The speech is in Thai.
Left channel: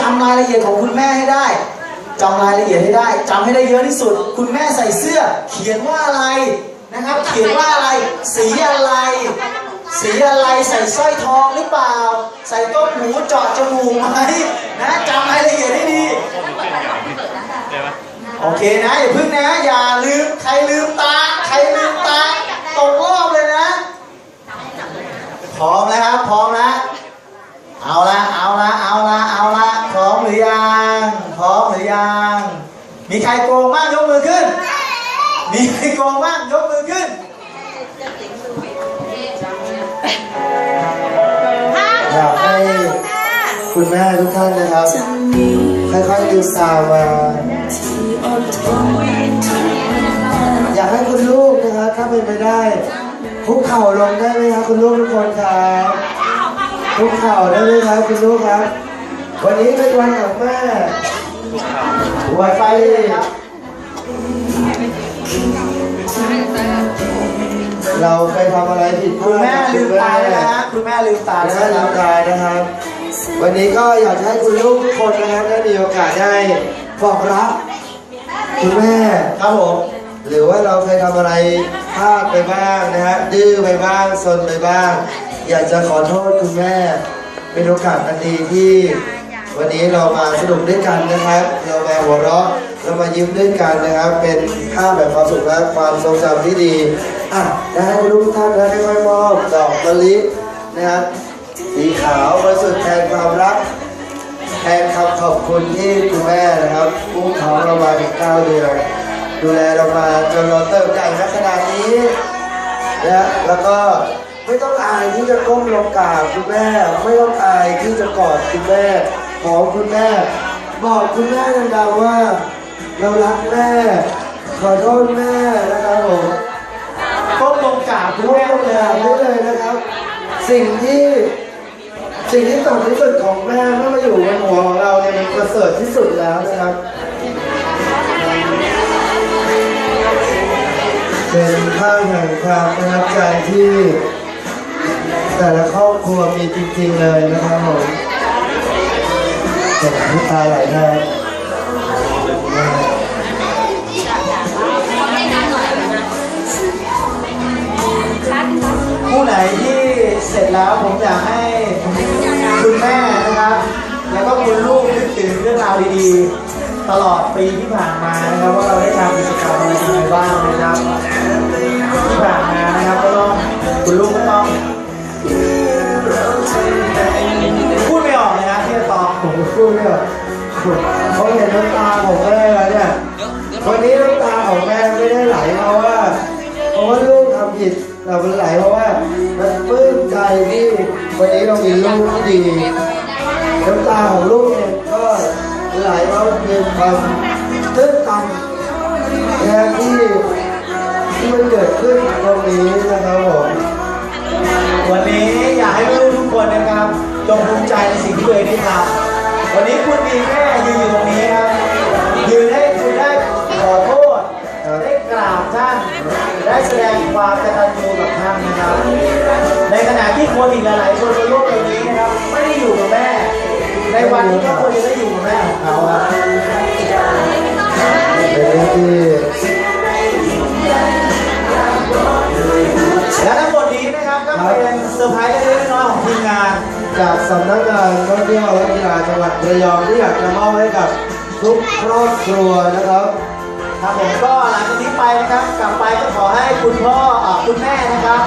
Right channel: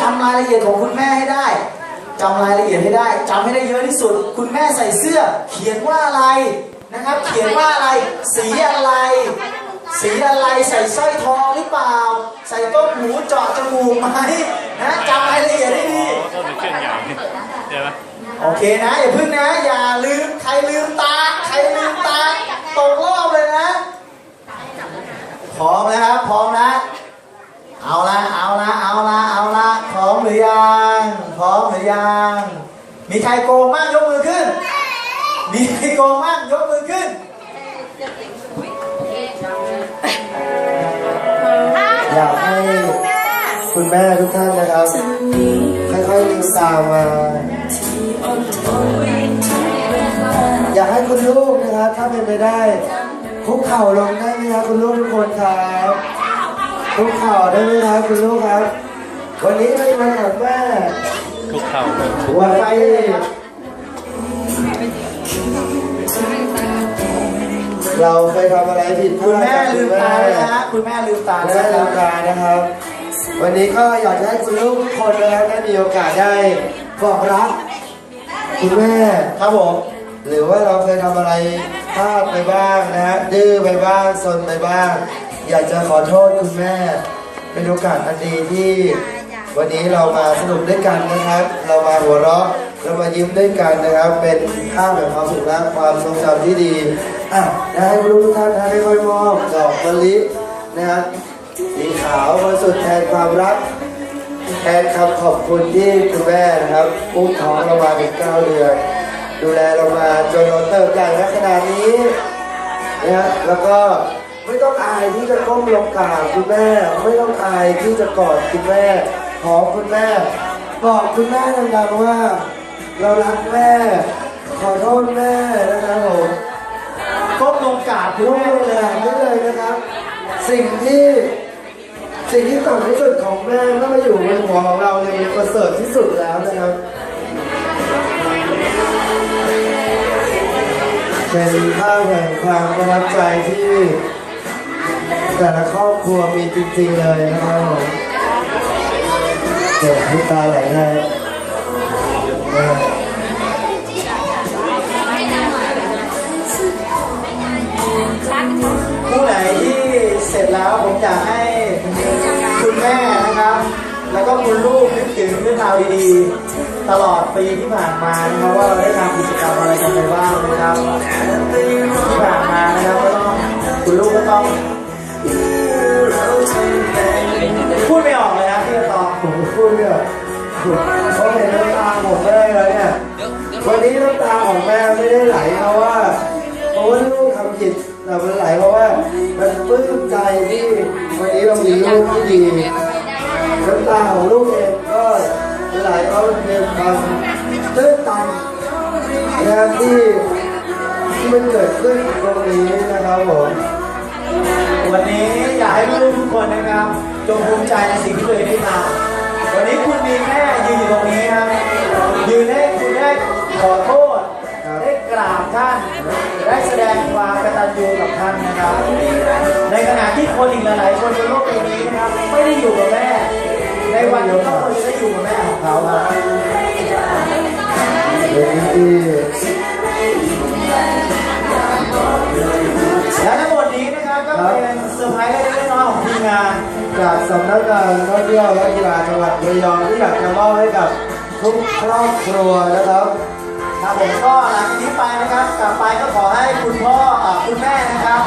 จำรายละเอียดของคุณแม่ให้ได้จำรายละเอียดให้ได้จำให้ได้เยอะที่สุด คุณแม่ใส่เสื้อ เขียนว่าอะไรนะครับ เขียนว่าอะไร สีอะไร สีอะไรใส่สร้อยทองหรือเปล่า ใส่ต้มหูเจาะจมูกไหมนะจำรายละเอียดให้ดีโอเคนะอย่าพึ่งนะ อย่าลืมใครลืมตา ใครลืมตาตกรอบเลยนะ พร้อมนะครับ พร้อมนะเอาละเอาละเอาละเอาละพ รือยังพร้อมหรือยังมีใครโกงบ้างยกมือขึ้น มีใครโกงบ้างยกมือขึ้นอยากให้คุณแม่ทุกท่านนะครับค่อยๆลืมตามาอยากให้คุณลูกนะครับถ้าเป็นไปได้คุกเข่าลงได้ไหมครับคุณลูกทุกคนครับคุกเข่าได้ไหมครับคุณลูกครับ วันนี้เป็นวันของแม่วันที่เราเคยทำอะไรผิดพคุณลาดแม่กับลืคุณมตาแม่แล้วนะคุณแม่ลืมตาได้แล้วร่างกายนะครับ วันนี้ก็อยากจะให้คุณลูกทุกคนนะครับได้มีโอกาสได้บอกรักคุณแม่ครับผมหรือว่าเราเคยทำอะไรพลาดไปบ้างนะฮะดื้อไปบ้างซนไปบ้าง อยากจะขอโทษคุณแม่ เป็นโอกาสอันดีที่ วันนี้เรามาสนุกด้วยกันนะครับ เรามาหัวเราะเรามายิ้มด้วยกันนะครับ เป็นภาพแบบความสุขและความทรงจำที่ดีอะได้ให้ท่านนะค่อยมอบดอกมะลินะครับสีขาวบริสุทธิ์แทนความรักแทนคำขอบคุณที่คุณแม่นะครับอุ้มท้องเรามาถึงเก้าเดือนดูแลเรามาจนเราเติบใหญ่ณขนาดนี้นะแล้วก็ไม่ต้องอายที่จะก้มลงกราบคุณแม่ ไม่ต้องอายที่จะกอดคุณแม่ หอมคุณแม่ บอกคุณแม่ดังๆว่า เรารักแม่ ขอโทษแม่นะครับผมก้มลงกราบคุณพูแม่ดเลยได้เลยนะครับ สิ่งที่สิ่งที่ต่ำที่สุดของแม่ถ้ามาอยู่บนหัวของเราเนี่ยมันประเสริฐที่สุดแล้วนะครับเป็นภาแห่งความประทับใจที่ แต่ละครอบครัวมีจริงๆเลยนะครับผม น้ำตาไหลนะผู้ไหนที่เสร็จแล้วผมอยากให้คุณแม่นะครับ แล้วก็คุณลูกนึกถึงเรื่องราวดีๆ ตลอดปีที่ผ่านมานะครับ ว่าเราได้ทำกิจกรรมอะไรกันไปบ้างนะครับที่ผ่านมานะครับก็ต้องคุณลูกก็ต้อง ดไม่ออกเพราเห็นน้ำตาของแม่แล้วเนี่ย วันนี้น้ำตาของแม่ไม่ได้ไหลเพราะว่าเพราะว่าลูกทำผิดแต่มันไหลเพราะว่ามันปลื้มใจที่วันนี้เรามีลูกที่ดีน้ำตาของลูกเองก็ไหลเพราะมันเป็นความตื้นตันนะครับที่ที่มันเกิดขึ้นตรงนี้นะครับผมวันนี้อยากให้ลูกทุกคนนะครับจงภูมิใจในสิ่งที่ตัวเองได้ทำ วันนี้คุณมีแม่ยืนอยู่ตรงนี้ครับ ยืนให้คุณได้ขอโทษ ได้กราบท่าน ได้แสดงความกตัญญูกับท่านนะครับ ในขณะที่คนอีกหลายๆคนในโลกใบนี้นะครับไม่ได้อยู่กับแม่ ในวันที่เขาควรจะได้อยู่กับแม่ของเขาครับเป็นที่และทั้งหมดนี้นะครับก็เป็นเซอร์ไพรส์เล็กๆน้อยๆของทีมงาน จากสำนักงานท่องเที่ยวและกีฬาจังหวัดระยองที่อยากจะมอบให้กับทุกครอบครัวนะครับครับผมก็หลังจากนี้ไปนะครับกลับไปก็ขอให้คุณพ่ออ่าคุณแม่นะครับ